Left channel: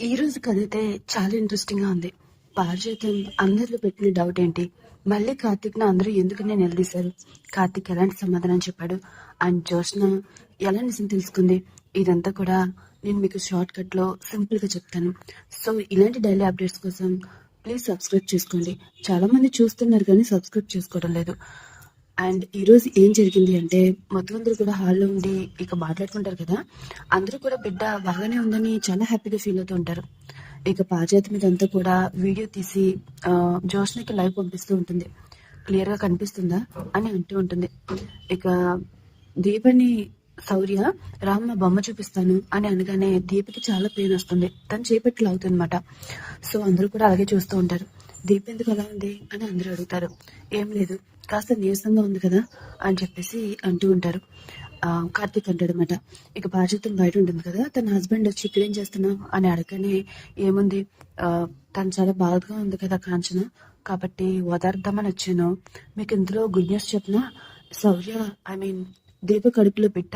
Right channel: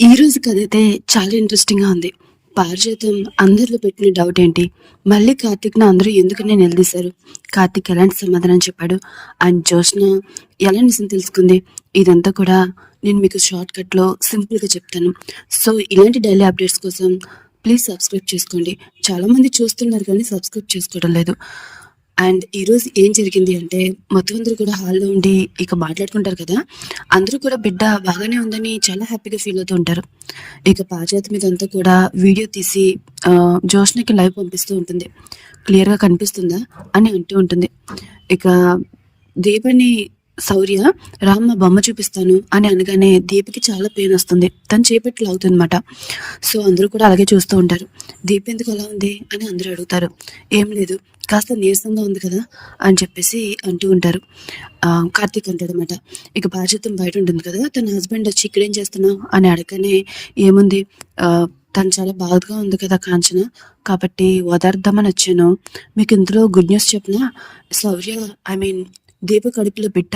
ఈరోజు కథైతే చాలా ఇంట్రెస్టింగ్‌గా ఉంది. పారిజాతం అందరిలో పెట్టిన డౌట్ ఏంటి? మళ్ళీ కార్తీక్‌ని అందరూ ఎందుకని నిలదీశారు? కార్తీక్ ఎలాంటి సమాధానం చెప్పాడు? అండ్ జ్యోత్స్న ఎలా నిజం తెలుసుకుంది? ఇదంతా కూడా నేను మీకు షార్ట్‌కట్‌లో సింపుల్‌గా చెప్తాను. సో, ఇలాంటి డైలీ అప్డేట్స్ కోసం ప్లీజ్ సబ్స్క్రైబ్ చేసుకోండి. చాలామంది చూస్తున్నారు కానీ సబ్స్క్రైబ్ చేసుకోవడం లేదు. అండ్ ఈరోజు ఏం జరిగింది అంటే మొత్తం అందరూ కూడా హాల్లో ఉండి ఇక మాట్లాడుకుంటారు కదా. అందరూ కూడా బిడ్డ బాగానే ఉందని చాలా హ్యాపీగా ఫీల్ అవుతూ ఉంటారు. ఇక పారిజాతం మీదంతా కూడా వీడియో తీసి జ్యోత్స్నకి లైవ్ పంపిస్తూ ఉంటుంది. క్లియర్గా కనిపిస్తుందా అని అంటూ ఉంటుంది. ఇక దీపని శౌర్య రామ్మ బొమ్మ చూపిస్తాను అని అనగానే దీపికి చాలా పెయిన్ వస్తుంది. తను చేపట్టి లాగుతుంది అనమాట. సో అందరూ కూడా అలాగే చూస్తూ ఉంటారు. దీప ఎందుకు అలా ఉంది అని అందరూ అడుగుతారు. ఏం లేదు, కాస్త నీరసంగా ఉంది కదా అని చెప్పేసి అంటూ ఉంటారు. కార్తీక్ అంటాడనమాట. ఇక బాధ్యతం బయట ఉంటుంది కదా, తన హస్బెండ్ వచ్చి ఇక్కడేం చేస్తున్నావు అని అడగనే ఏముంది, తను చాలా బాధగా ఉంది కదా కాంచన, కాబట్టి ఓదార్దామని వచ్చాను. మీకు ఇందులో గుడ్ న్యూస్ చెప్పిన శౌర్య ఐ మీన్ దీప కడుపులో బిడ్డ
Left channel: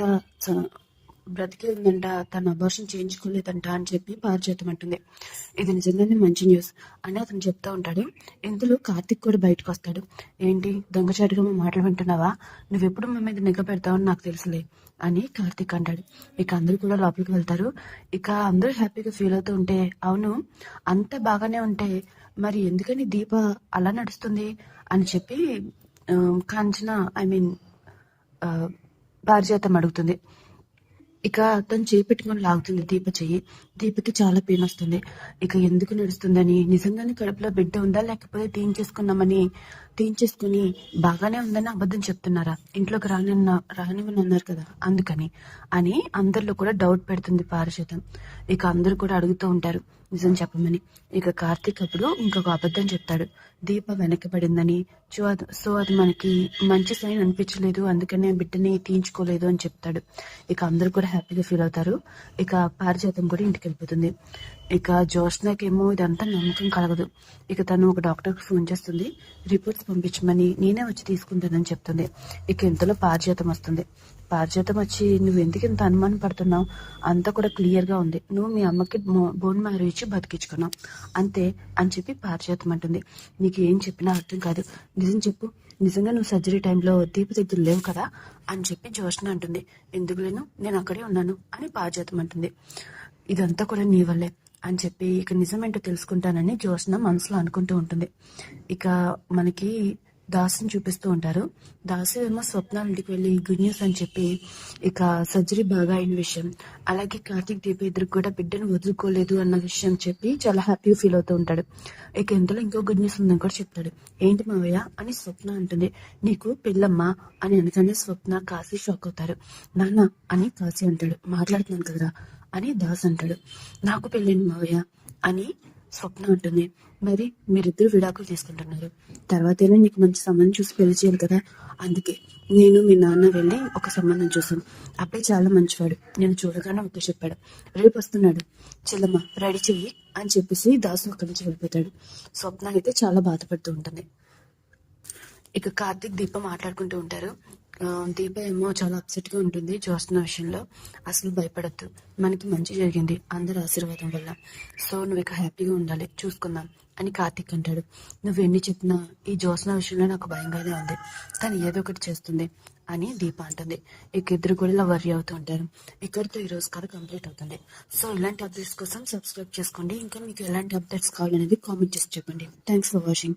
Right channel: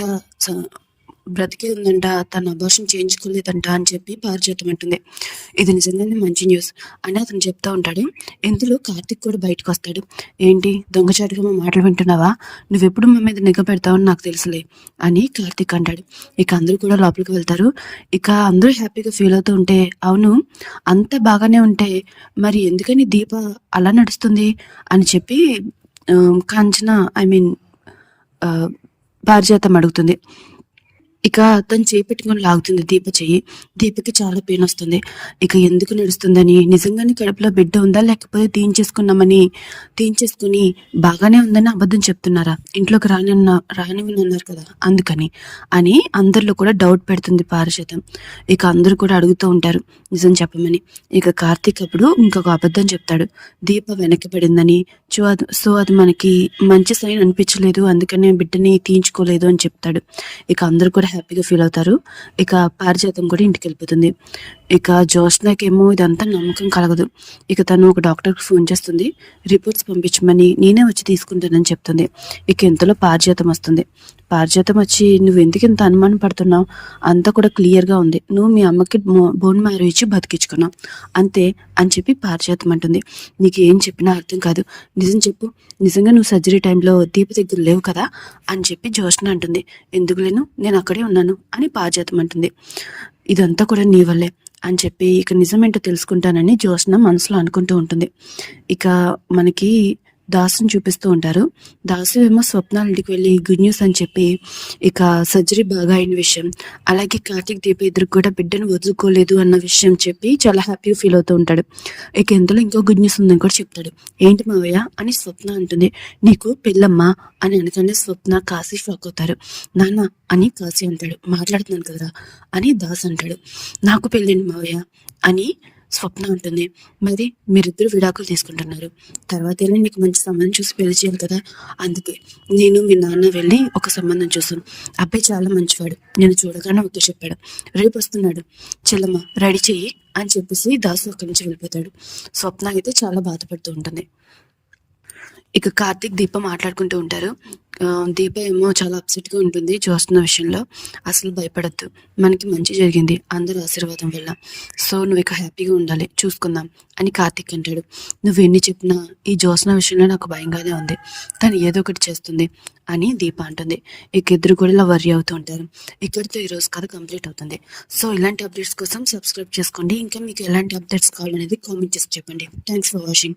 బ్రతికే ఉందంట, తను అబార్షన్ చేయించుకోలేదంట అని చెప్పి పారిజాతం అంటుంది. ఇది నిజంగానే మంచి న్యూస్ అని అతను చెప్తా ఉంటాడు. ఇందులో కార్తిక్ కూడా బయటకు వస్తాడు. ఏంటి దొంగచాటుగా మా మాటలు వింటున్నావా, నువ్వెప్పుడు మా మీద నిఘా పెడతావని నాకు తెలుసులే అని కార్తిక్ అంటాడు. ఇక అందరూ కూడా లోపలికి వెళ్తారు. ఇక అందరూ హ్యాపీగా ఫీల్ అవుతూ ఉంటే, అవును అంత బాగానే ఉంటే మరి ఎందుకని దీప అలా నడుస్తుంది అని చెప్పి కాంచన ఐ మీన్ పారిజాతం అడుగుతుంది. ఇక తను చేయి పెట్టుకొని లాగుతుంది దీప చెయ్యి. దీపకి చాలా పెయిన్ వస్తుంది. ఇక ఎందుకు నడుస్తుందని, నిజంగానే కడుపులో బిడ్డ ఉందా లేకపోతే తీయించేసుకుని బాగానే ఉందని అబద్ధం చెప్తున్నారా, ఇంట్లోకి రానివ్వని అన్నారు కదా అందుకని అని అందరిలో కూడా డౌట్ పెడుతుంది పారిజాతం. ఇక అందరూ కూడా అడుగుతూ ఉంటారు నిజం చెప్పమని. ఇక కార్తీక్ అప్పుడు ఇంకొక అబద్ధం చెప్తాడు. దీప వెనక్కి పడిందని, సో అది మనకి మంచి సైన్ అనిపించలేదు, అందుకనే బిడ్డని తీయించుకోలేదు అని చెప్తాడు. ఇక అందరూ కూడా హ్యాపీగా ఫీల్ అవుతారు. ఇక పారిజాతం కూడా ఇంటికి వెళ్ళిపోతుంది. ఇక జ్యోత్స్నకేమో ఇదంతా నమ్మకం కలగదు. ఇక తను ఒక డాక్టర్కి ఫోన్ చేస్తుంది. రిపోర్ట్స్ పంపించమని నేనే వచ్చి తీసుకుంటానని చెప్తుంది. ఇక ఇంతలో పారిజాతం వస్తుంది. పారిజాతం వచ్చి నువ్వు ఎందుకు ఇంత అనుమానం పడుతున్నావు, అంతా కూడా క్లియర్గా ఉంది, నువ్వు మీ అమ్మకి బోన్ మ్యారో ఇచ్చి బతికించుకున్నావు అంతే అని చెప్పి పారిజాతం అంటుంది. నీకు ఏం చెప్పినా అర్థం కాదు, నిజం చెప్పు, నిజంగా నువ్వు సర్జరీ టైంలో దీప దగ్గర లేవు కదా అని చెప్పి జ్యోత్స్న అంటుంది. ఎందుకు లేను, నేను అక్కడే ఉన్నాను అని పారిజాతం అంటుంది. ఇదంతా కూడా నీ వల్లే అని చెప్పి ఇక నిజమేంటో తెలుసుకుంటానని జ్యోత్స్న మనసులో అనుకుంటూ ఉంటుంది. ఇక మనకి దాసుని చూపిస్తూ ఉంటారు. దాసు ఏమో స్వప్నాల ఇంటికి వెళ్ళి గుడ్ న్యూస్ అని చెప్పి ఇక సర్జరీ బాగా అయిన విషయం, అలాగే కార్తీక్ దీప ఇద్దరు కూడా బిడ్డను వదులుకోలేదు అన్న విషయం చెప్పి చాలా హ్యాపీగా ఫీల్ అవుతూ ఉంటాడు. ఇక ఎంతలో ఇంకో గుడ్ న్యూస్ ఉందని కూడా చెప్తాడు. ఏంటి మావయ్య అని స్వప్న అంటుంది. నీకు పెళ్ళమ్మా అని అనగానే స్వప్న కాశీ షాక్ అవుతారు. నాన్న అని కాశీ అంటాడు. మాట్లాడుతున్నాను కదరా అని దాస్ అంటాడు. నాకు పెళ్ళండి మావయ్య అని స్వప్న ఉంటుంది. మరి మీరిద్దరు విడాకులు తీసుకుంటున్నారు, తర్వాత ఏమో నీకు మంచి సంబంధం చూసి పెళ్లి చేయాలి కదా, అందుకే నేను మీ నాన్న వెళ్ళి ఒక సంబంధం చూసాను, అబ్బాయి చాలా మంచివాడు, నేను చూడగానే ఓకే చెప్పాడు, రేపు వస్తున్నాడు, చెల్లమ్మ రెడీ చెయ్యి అని చెప్పేసి దాసు అక్కడి నుంచి వెళ్ళిపోతాడు. స్వప్న అయితే చాలా బాధపడుతూ ఉంటుంది. ఇక కార్తీక్ దీప మాట్లాడుకుంటూ ఉంటారు. దీప ఏమో చాలా అప్సెట్గా ఉంటుంది చూస్తున్న విషయంలో. అసలు భయపడద్దు, మనకి మంచి జరిగింది అందరూ ఆశీర్వాదం వల్ల, సో నువ్వు ఇక హ్యాపీగా ఉండాలి, చూసుకుందాం అని కార్తీక్ అంటాడు. నువ్వు ఎన్ని చెప్పినా ఈ జ్యోత్స్న విషయంలో నాకు భయంగానే ఉంది, తను ఏదో ఒకటి చేస్తుంది అని దీప అంటుంది. ఇక ఇద్దరు కూడా ఇలా వర్రీ అవుతూ ఉంటారు. ఇక్కడితో ఈరోజు కథ కంప్లీట్ అవుతుంది. సో ఇలాంటి అప్డేట్స్ కోసం సబ్స్క్రైబ్ చేసుకోండి. ఇంకా మీకు ఎలాంటి అప్డేట్స్ కావాలనేది కామెంట్ చేసి చెప్పండి. Thanks for watching.